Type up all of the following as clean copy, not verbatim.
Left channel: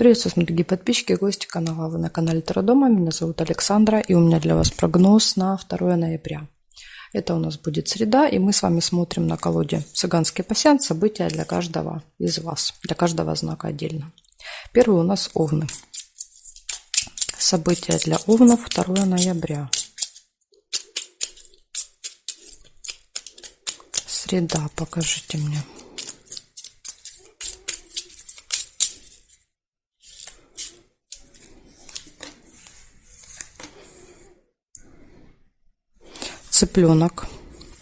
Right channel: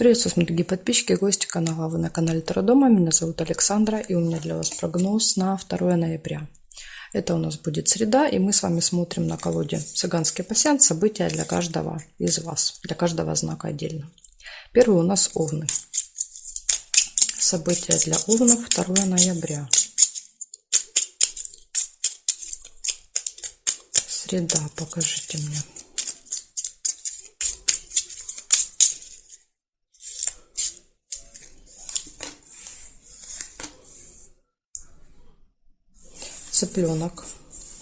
Приветствую, смотрите, дорогие подписчики, гости канала. Вы на канале Таро Дома. Меня зовут Александра, и у меня для вас прогноз на 2 ноября. Это у нас будет среда, и мы с вами смотрим на колоде «Цыганский пасьянс». События для каждого из вас, для каждого знака отдельно. Первый у нас Овны. События для Овнов 2 ноября. Среда, покажите мне. Цыпленок.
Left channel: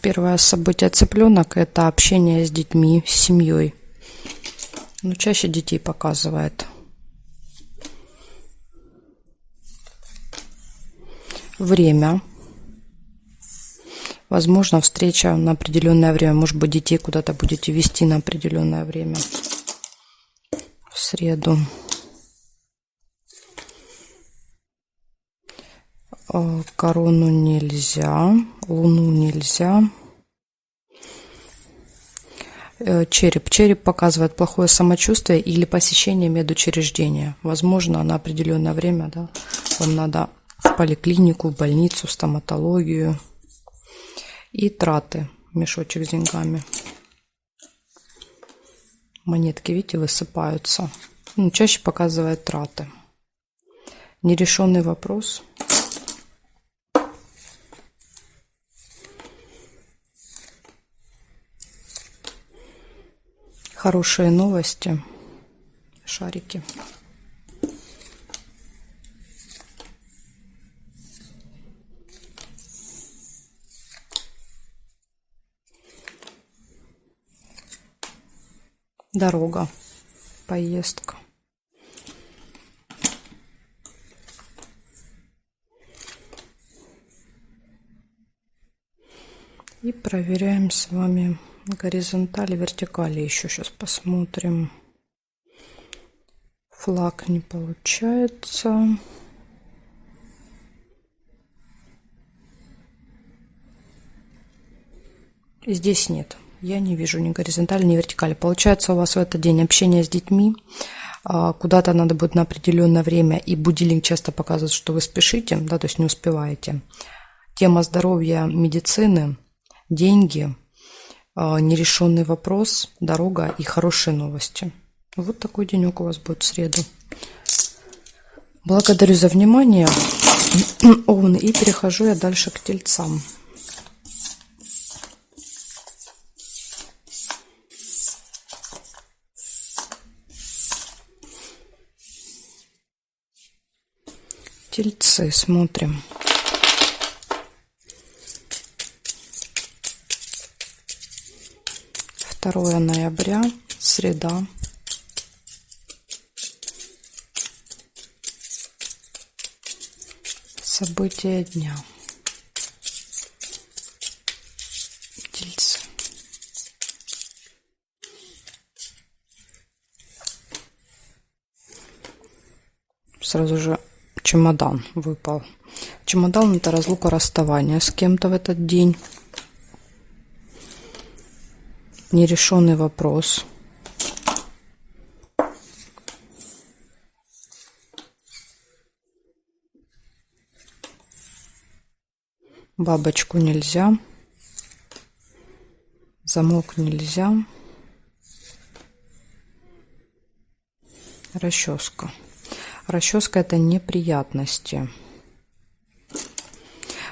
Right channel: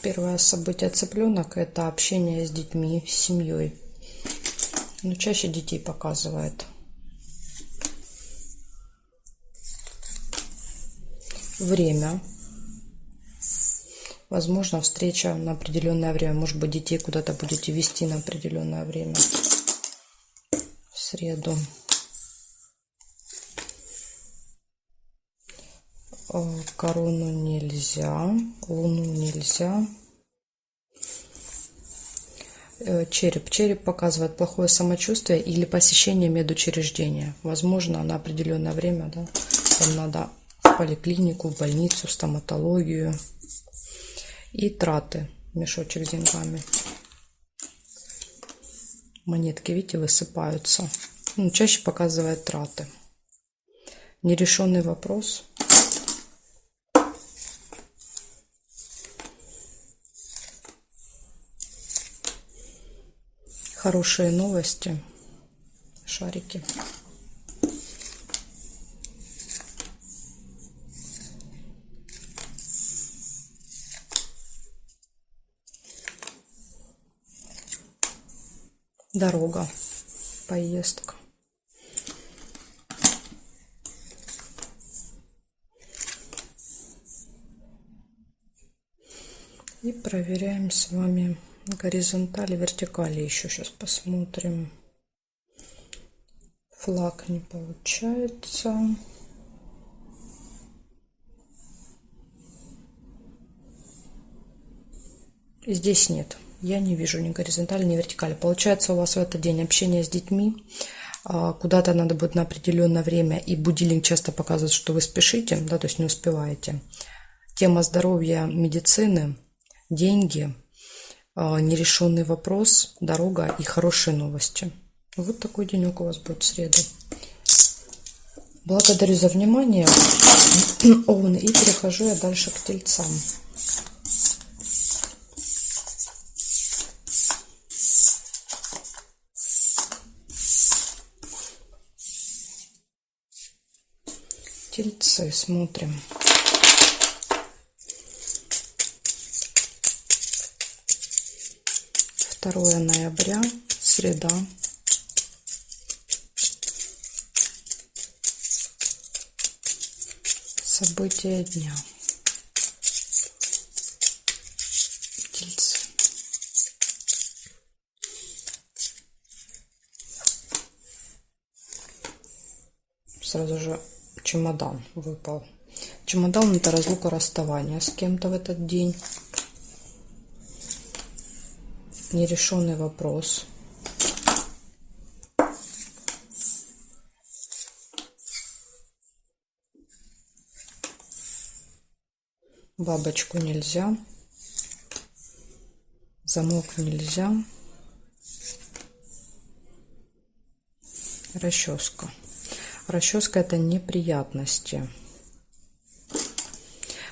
Первое событие цыпленок — это общение с детьми, с семьей. Но чаще детей показывает. Время. Возможно, встреча на определенное время. Может быть, детей куда-то будете вести на определенное время. В среду. Корону нельзя, Луну нельзя. Череп. Череп показывает плохое самочувствие или посещение медучреждения. Возможно, на определенное время, да, вам надо в поликлинику, в больницу, в стоматологию. И траты. Мешочек с деньгами. Монетки, видите, высыпаются. Чаще показывает траты. Нерешенный вопрос. Хорошие новости. Шарики. Дорога. Поездка. И проверяем с вами горизонтали, вертикали. Еще сейчас посмотрим. Флаг не получается. Здесь нет. Я не вижу ни горизонтали, ни вертикали. Получается, у вас в этот день общение с детьми. Куда-то надо будет на определенное время. И будильник часто показывает, что вы спешите, да, то есть не успеваете. Тема здоровья, медицины, деньги, нерешенный вопрос, дорога и хорошие новости. Вот такой денек у вас будет в среду. Благодарю за внимание, Овны, и перехожу я дальше к Тельцам. Тельцы, смотрим. Второе ноября, среда. События дня. Тельцы. Сразу же чемодан выпал. Чемодан — это разлука, расставание с кем-то в этот день. Нерешенный вопрос. Бабочку нельзя. Замок нельзя. Расческа. Расческа — это неприятности.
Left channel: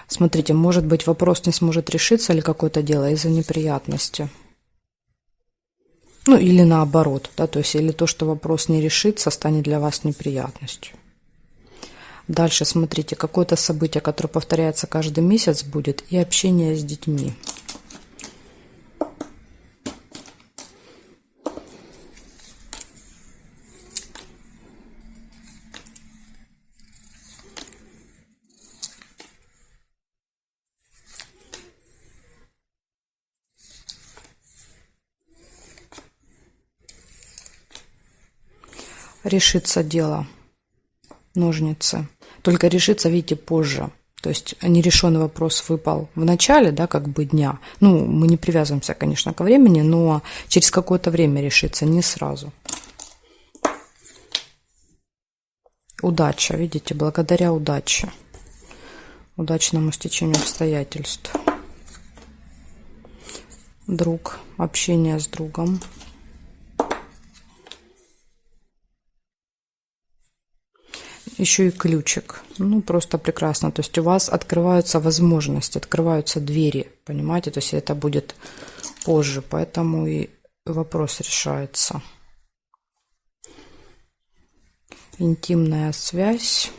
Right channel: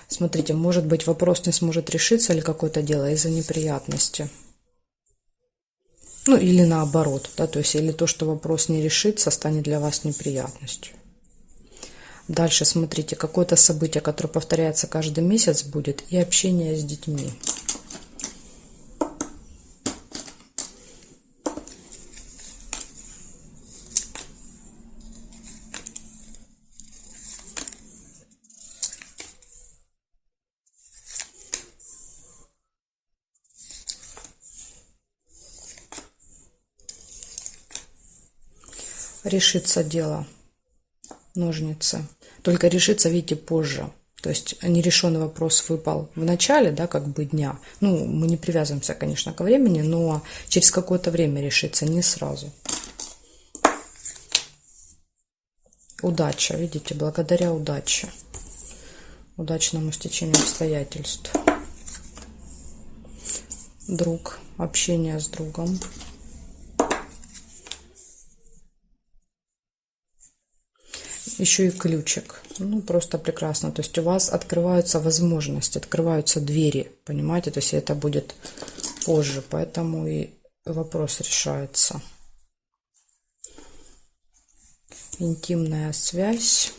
Смотрите, может быть, вопрос не сможет решиться или какое-то дело из-за неприятности. Ну, или наоборот, да, то есть, или то, что вопрос не решится, станет для вас неприятностью. Дальше, смотрите, какое-то событие, которое повторяется каждый месяц будет, и общение с детьми. Решится дело. Ножницы. Только решится, видите, позже. То есть нерешенный вопрос выпал в начале, да, как бы дня. Ну, мы не привязываемся, конечно, ко времени, но через какое-то время решится, не сразу. Удача, видите, благодаря удаче. Удачному стечению обстоятельств. Друг, общение с другом. Еще и ключик. Ну, просто прекрасно. То есть у вас открываются возможности, открываются двери, понимаете? То есть это будет позже, поэтому и вопрос решается. Интимная связь.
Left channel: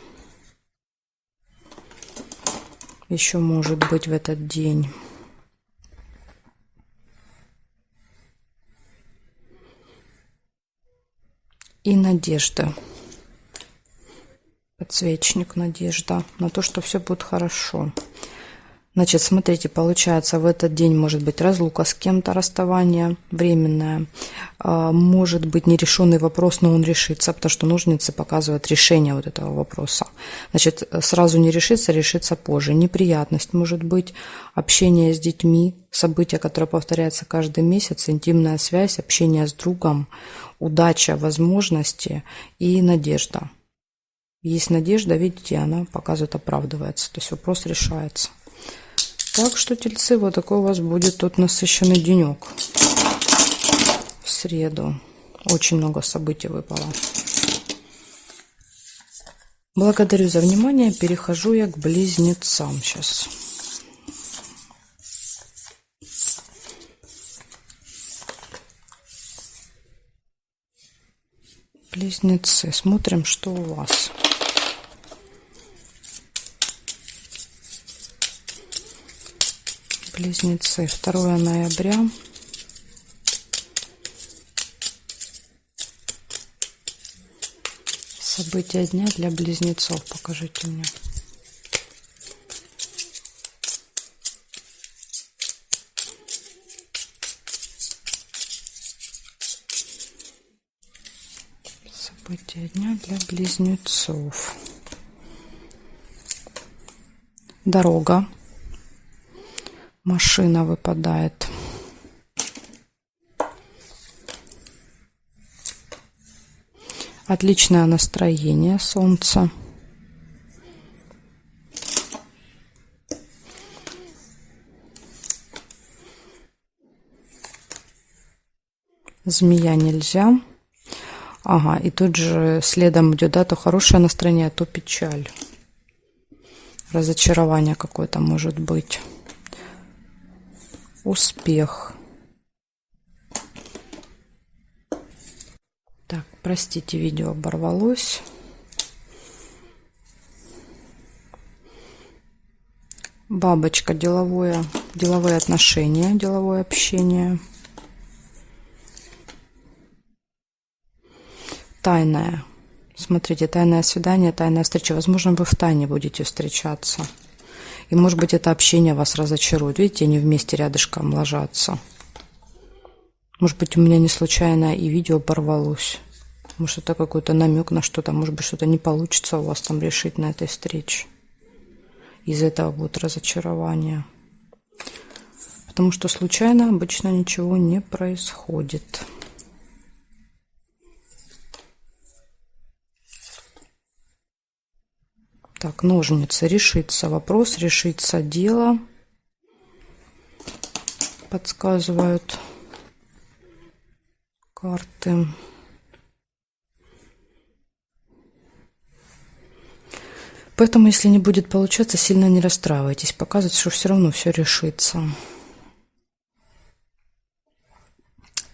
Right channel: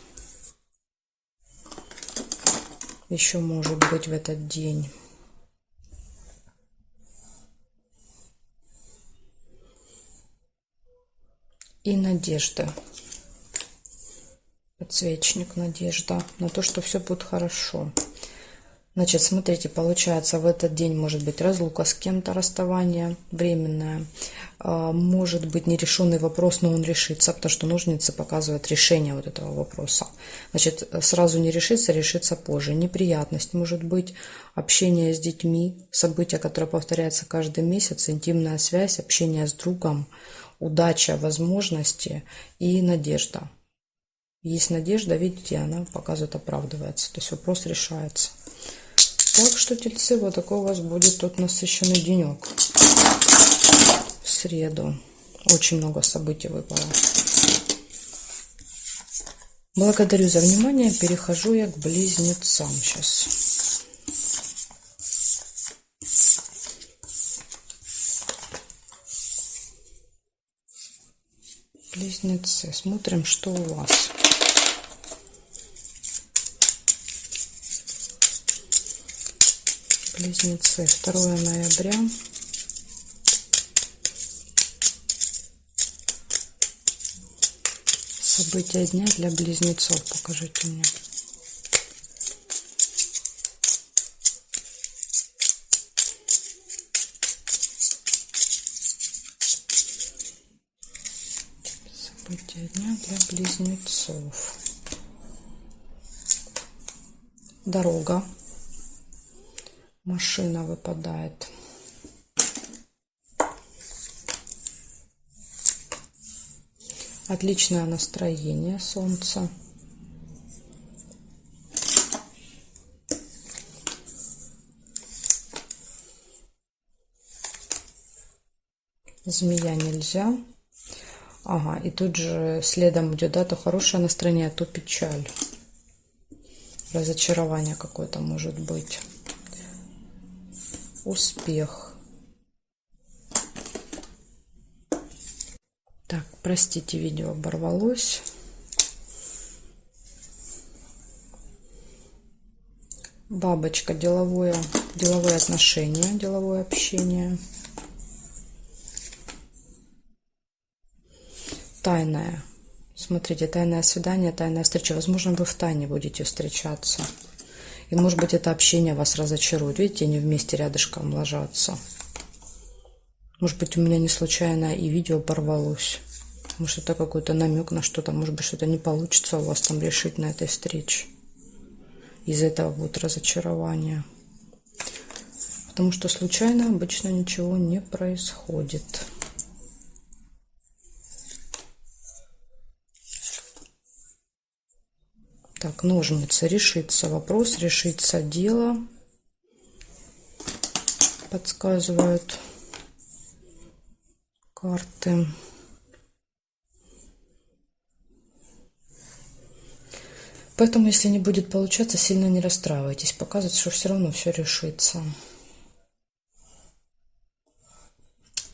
Еще может быть в этот день. И надежда. Подсвечник, надежда на то, что все будет хорошо. Значит, смотрите, получается, в этот день может быть разлука с кем-то, расставание временное. Может быть нерешенный вопрос, но он решится, потому что ножницы показывают решение вот этого вопроса. Значит, сразу не решится, решится позже. Неприятность может быть, общение с детьми, событие, которое повторяется каждый месяц, интимная связь, общение с другом, удача, возможности и надежда. Есть надежда, видите, она показывает, оправдывается. То есть вопрос решается. Так что, тельцы, вот такой у вас будет тот насыщенный денек. В среду. Очень много событий выпало. Благодарю за внимание. Перехожу я к близнецам сейчас. Близнецы. Смотрим, что у вас. Близнецы. 2 ноября. События дня для близнецов. Покажите мне. События дня для близнецов. Дорога. Машина выпадает. Отличное настроение, солнце. Змея нельзя. Ага, и тут же следом идет, да, то хорошее настроение, то печаль. Разочарование какое-то может быть. Успех. Так, простите, видео оборвалось. Бабочка, деловые отношения, деловое общение. Тайное. Смотрите, тайное свидание, тайная встреча. Возможно, вы в тайне будете встречаться. И, может быть, это общение вас разочарует. Видите, они вместе рядышком ложатся. Может быть, у меня не случайно и видео порвалось. Может, это какой-то намек на что-то. Может быть, что-то не получится у вас там решить на этой встрече. Из этого будет разочарование. Потому что случайно обычно ничего не происходит. Так, ножницы. Решится вопрос, решится дело. Подсказывают карты. Поэтому, если не будет получаться, сильно не расстраивайтесь. Показывает, что все равно все решится.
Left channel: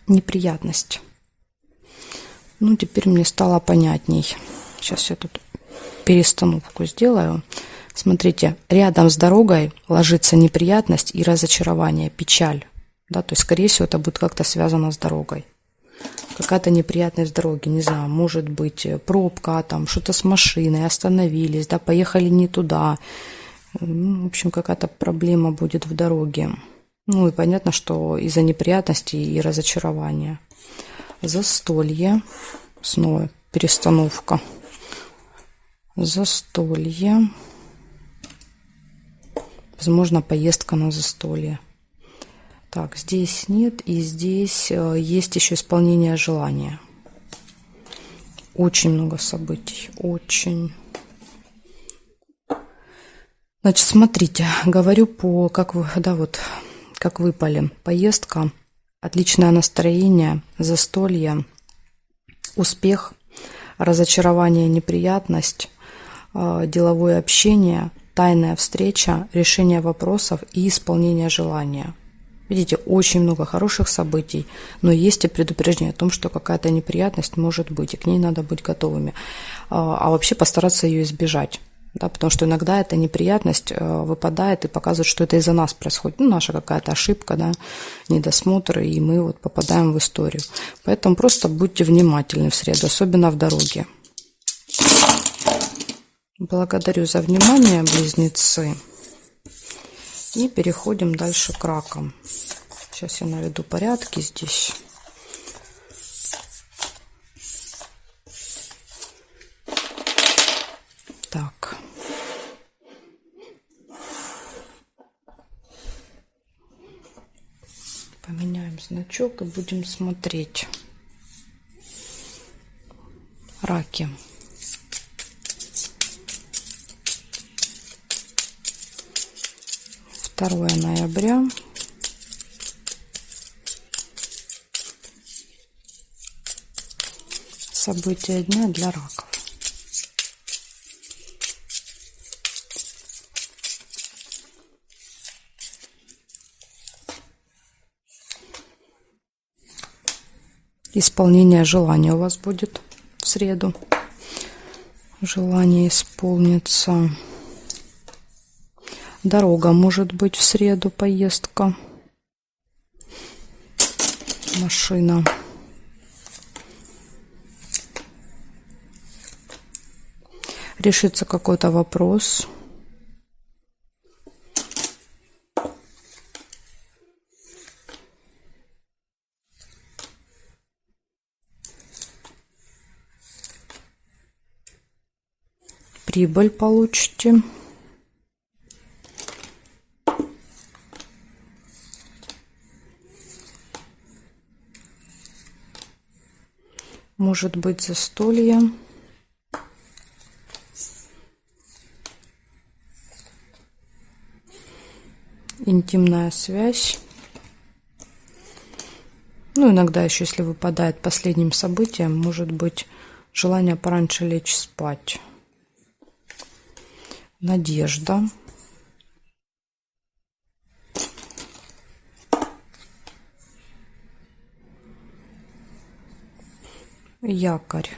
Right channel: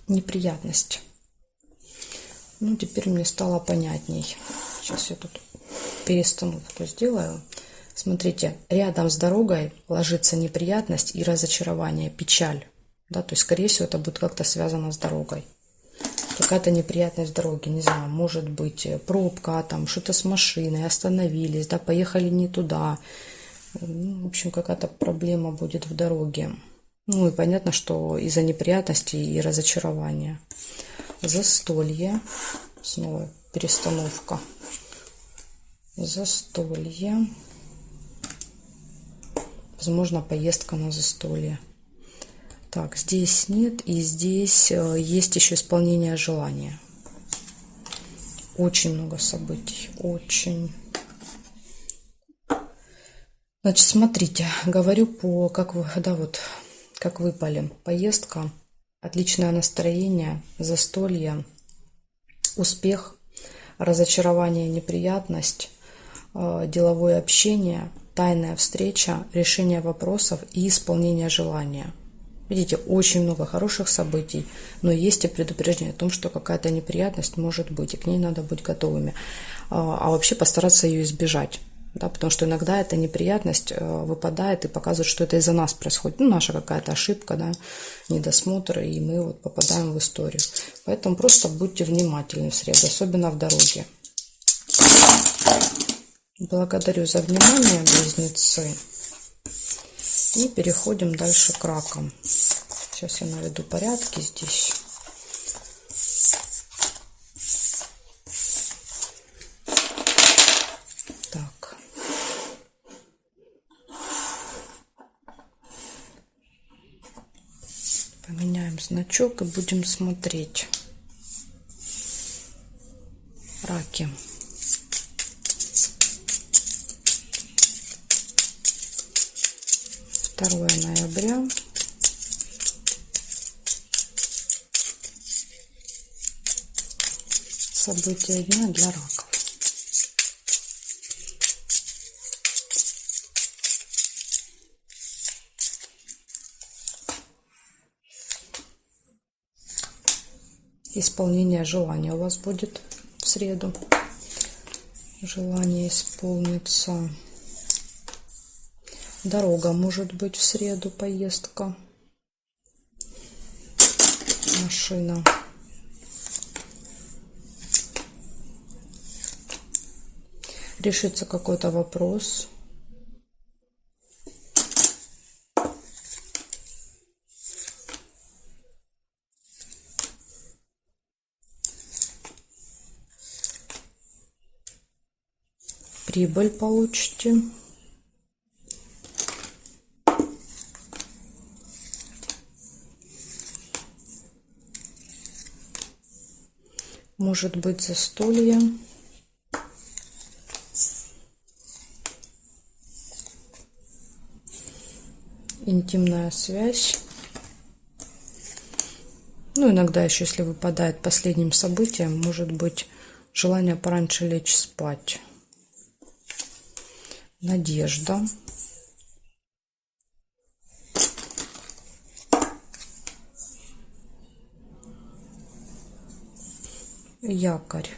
Неприятность. Ну, теперь мне стало понятней. Сейчас я тут перестановку сделаю. Смотрите, рядом с дорогой ложится неприятность и разочарование, печаль. Да, то есть, скорее всего, это будет как-то связано с дорогой. Какая-то неприятность в дороге, не знаю, может быть пробка, там что-то с машиной, остановились, да, поехали не туда. Ну, в общем, какая-то проблема будет в дороге. Ну и понятно, что из-за неприятностей и разочарования. Застолье. Снова перестановка. Застолье. Возможно, поездка на застолье. Так, здесь нет, и здесь есть еще исполнение желания. очень много событий, очень. Значит, смотрите, говорю по, как вы, да, вот, как выпали. Поездка, отличное настроение, застолье, успех, разочарование, неприятность, деловое общение, тайная встреча, решение вопросов и исполнение желания. Видите, очень много хороших событий, но есть и предупреждение о том, что какая-то неприятность может быть, и к ней надо быть готовыми. А вообще постараться ее избежать. Да, потому что иногда эта неприятность выпадает и показывает, что это из-за нас происходит. Ну, наша какая-то ошибка, да, недосмотр, и мы вот попадаем в историю. Поэтому просто будьте внимательны в среду, особенно в дороге. Благодарю за внимание, близнецы. И переходим дальше к ракам. Сейчас я наведу порядки здесь. Так. Поменяем значок и будем смотреть. Раки. Второе ноября. События дня для раков. Исполнение желания у вас будет в среду. Желание исполнится. Дорога может быть в среду, поездка. Машина. Решится какой-то вопрос. Прибыль получите. Может быть застолье. Интимная связь. Ну, иногда еще, если выпадает последним событием, может быть желание пораньше лечь спать. Надежда. Якорь.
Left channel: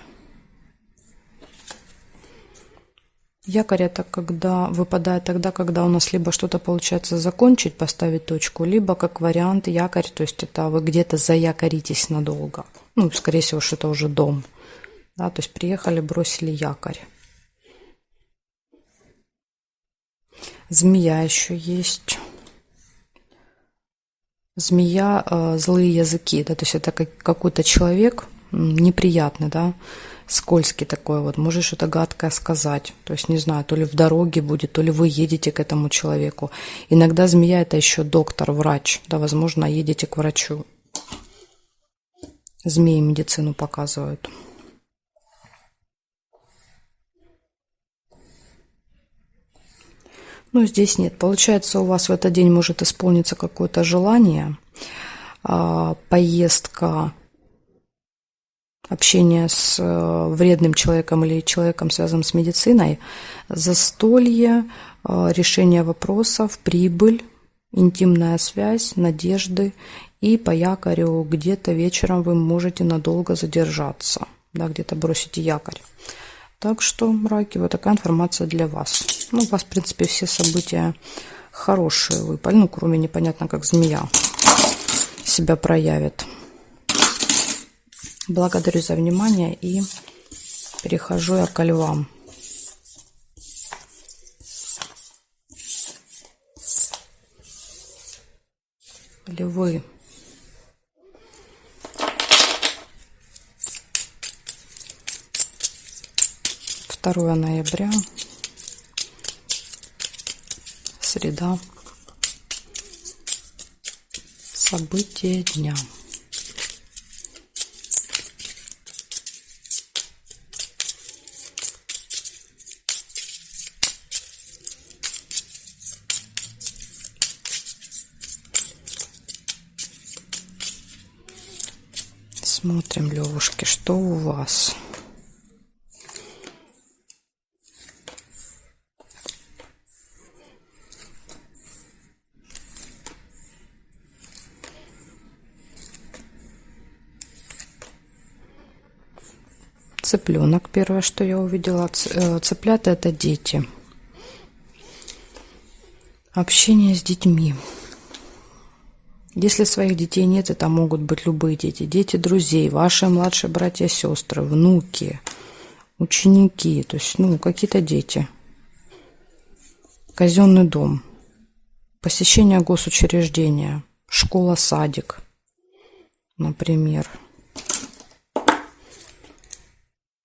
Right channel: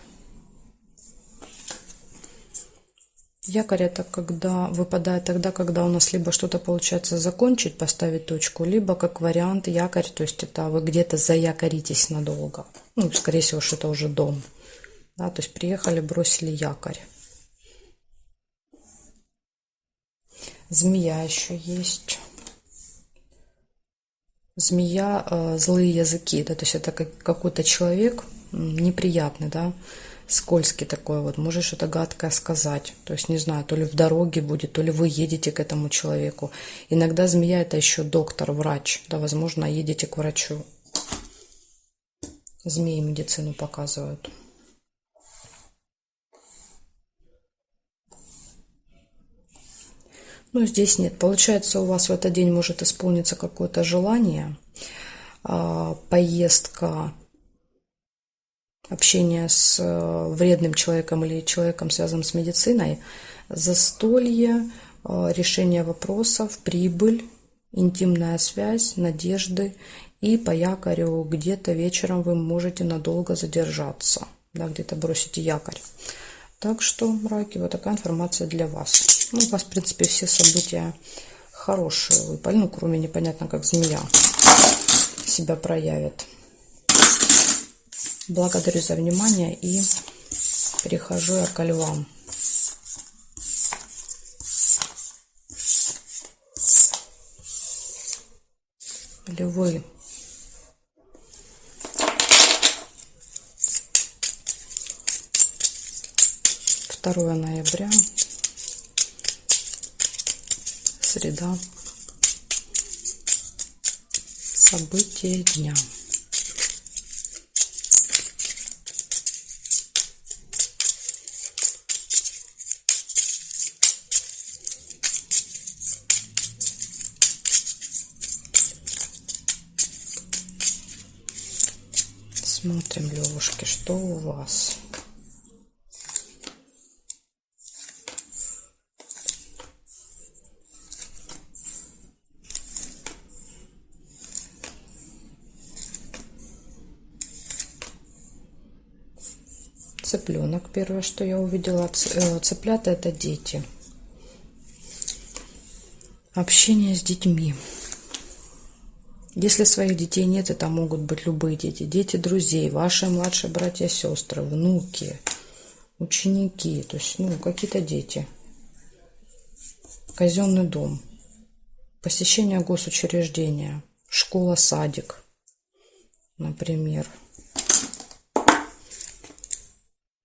Якорь это когда выпадает тогда, когда у нас либо что-то получается закончить, поставить точку, либо как вариант якорь, то есть это вы где-то заякоритесь надолго. Ну, скорее всего, что-то уже дом. Да, то есть приехали, бросили якорь. Змея еще есть. Змея, злые языки, да, то есть это какой-то человек неприятный, да, скользкий такой вот, может что-то гадкое сказать, то есть не знаю, то ли в дороге будет, то ли вы едете к этому человеку. Иногда змея это еще доктор, врач, да, возможно, едете к врачу. Змеи медицину показывают. Ну, здесь нет. Получается, у вас в этот день может исполниться какое-то желание, поездка, общение с вредным человеком или человеком, связанным с медициной, застолье, решение вопросов, прибыль, интимная связь, надежды. И по якорю где-то вечером вы можете надолго задержаться, да, где-то бросите якорь. Так что, раки, вот такая информация для вас. Ну, у вас, в принципе, все события хорошие выпали. Ну, кроме непонятно, как змея себя проявит. Благодарю за внимание и перехожу я к львам. Львы. Второе ноября. Среда. События дня. Смотрим, Левушки, что у вас. Цыпленок, первое, что я увидела. Цыплята — это дети. Общение с детьми. Если своих детей нет, это могут быть любые дети. Дети друзей, ваши младшие братья, сестры, внуки, ученики. То есть, какие-то дети. Казенный дом. Посещение госучреждения. Школа, садик, например.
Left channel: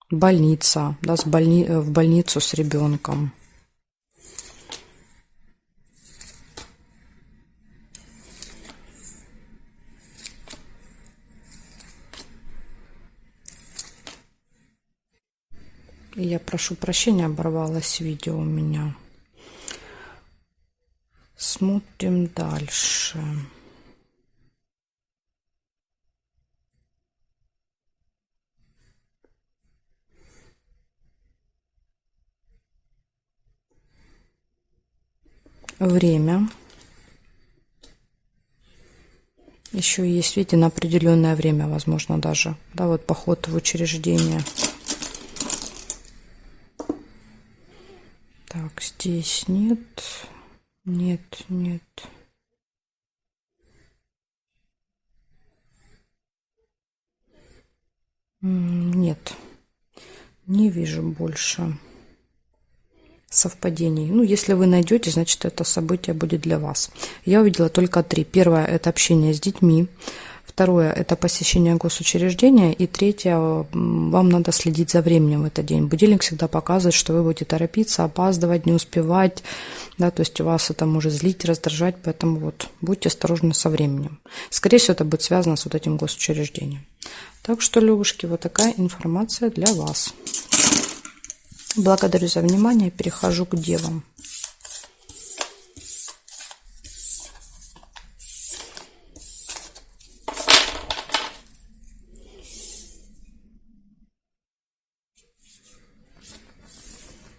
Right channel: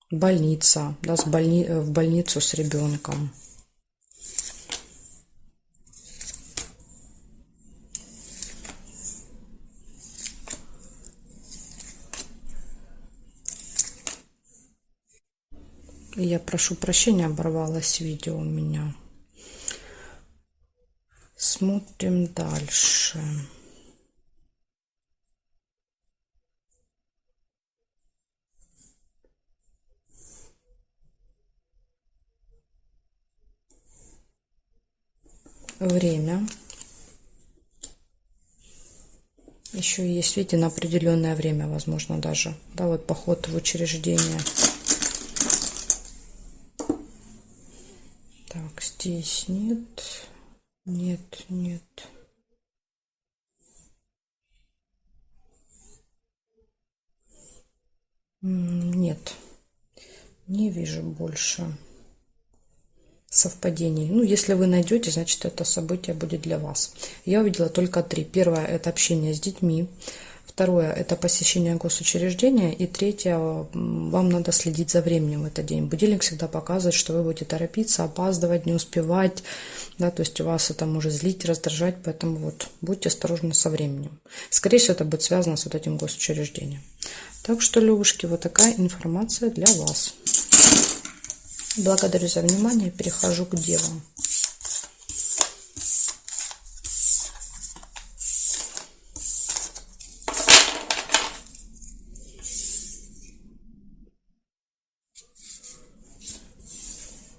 Больница, да, в больницу с ребенком. Я прошу прощения, оборвалось видео у меня. Смотрим дальше. Время. Еще есть, видите, на определенное время, возможно, даже. Да, вот поход в учреждение. Так, здесь нет. Нет, нет. Нет. Не вижу больше совпадений. Если вы найдете, значит, это событие будет для вас. Я увидела только 3. Первое — это общение с детьми. Второе — это посещение госучреждения. И третье — вам надо следить за временем в этот день. Будильник всегда показывает, что вы будете торопиться, опаздывать, не успевать. Да, то есть у вас это может злить, раздражать. Поэтому будьте осторожны со временем. Скорее всего, это будет связано с этим госучреждением. Так что, Левушки, вот такая информация для вас. Благодарю за внимание. Перехожу к девам.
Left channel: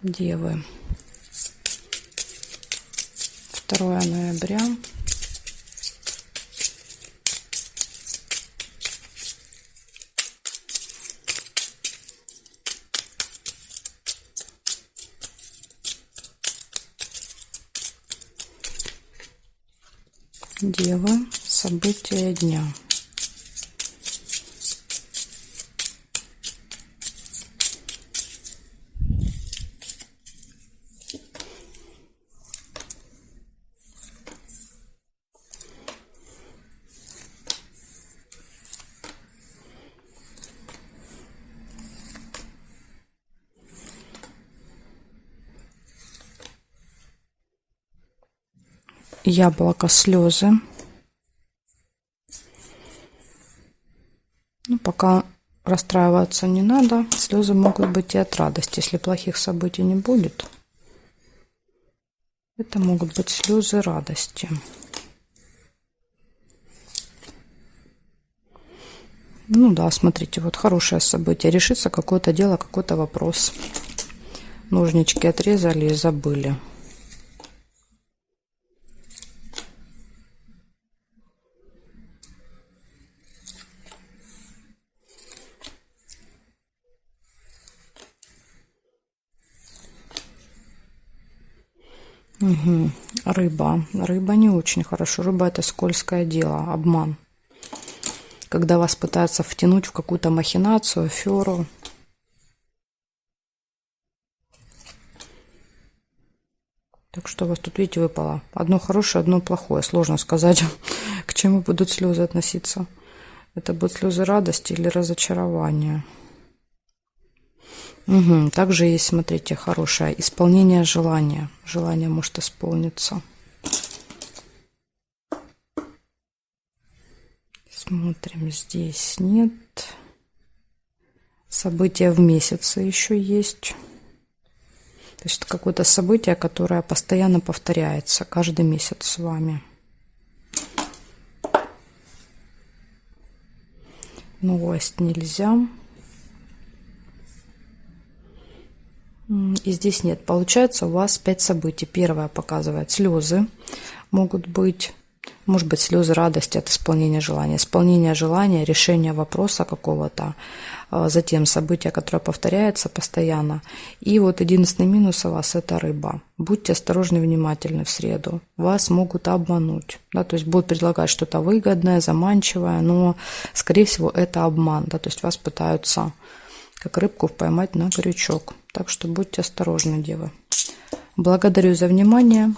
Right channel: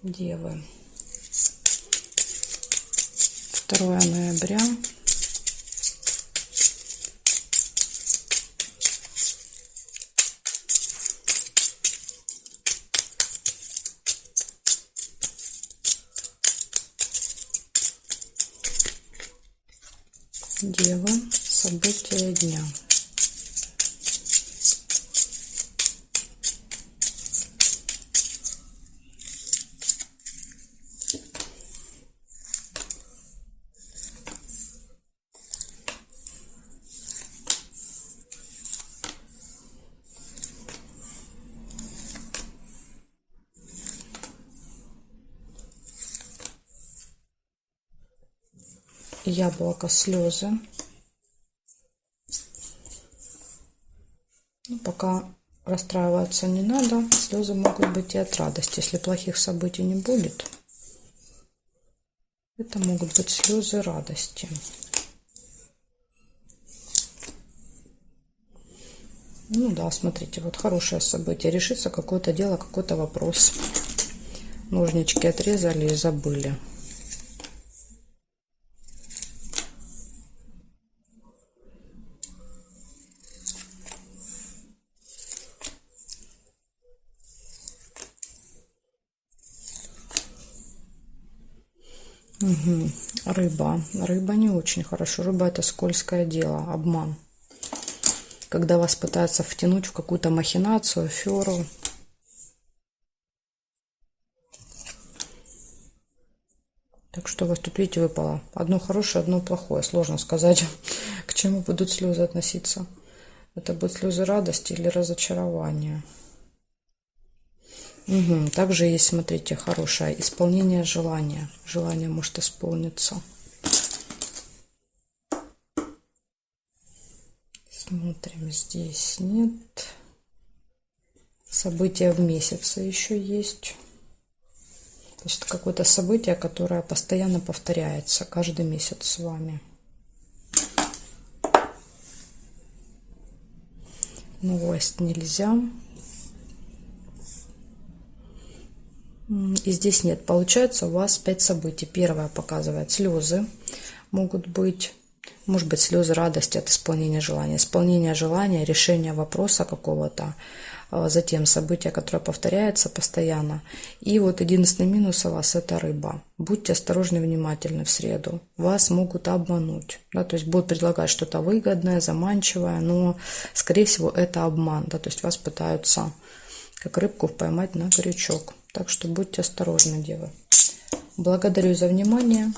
Девы. 2 ноября. Девы. События дня. Яблоко, слезы. Пока расстраиваться не надо. Слезы могут быть и от радости. Если плохих событий не будет, это могут быть слезы радости. Да, смотрите, вот хорошее событие. Решится какое-то дело, какой-то вопрос. Ножнички отрезали и забыли. Рыба. Рыба не очень хорошо. Рыба — это скользкое дело, обман. Когда вас пытаются втянуть в какую-то махинацию, аферу. Так что у вас тут, видите, выпало одно хорошее, одно плохое. Сложно сказать, к чему будут слезы относиться. Это будут слезы радости или разочарования. Также есть, смотрите, хорошее исполнение желания. Желание может исполниться. Смотрим, здесь нет. События в месяце еще есть. То есть это какое-то событие, которое постоянно повторяется каждый месяц с вами. Новость нельзя. И здесь нет. Получается, у вас 5 событий. Первое показывает слезы. Могут быть, может быть, слезы радости от исполнения желания, решения вопроса какого-то. Затем событие, которое повторяется постоянно. И вот единственный минус у вас — это рыба. Будьте осторожны и внимательны в среду. Вас могут обмануть. Да, то есть будут предлагать что-то выгодное, заманчивое, но, скорее всего, это обман. Да, то есть вас пытаются, как рыбку, поймать на крючок. Так что будьте осторожны, девы. Благодарю за внимание.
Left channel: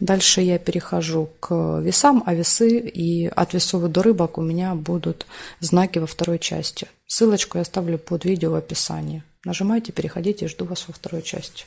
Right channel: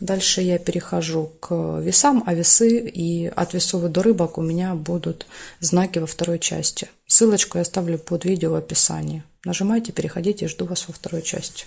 Дальше я перехожу к весам, а весы и от весов до рыбок у меня будут знаки во второй части. Ссылочку я оставлю под видео в описании. Нажимайте, переходите, жду вас во второй части.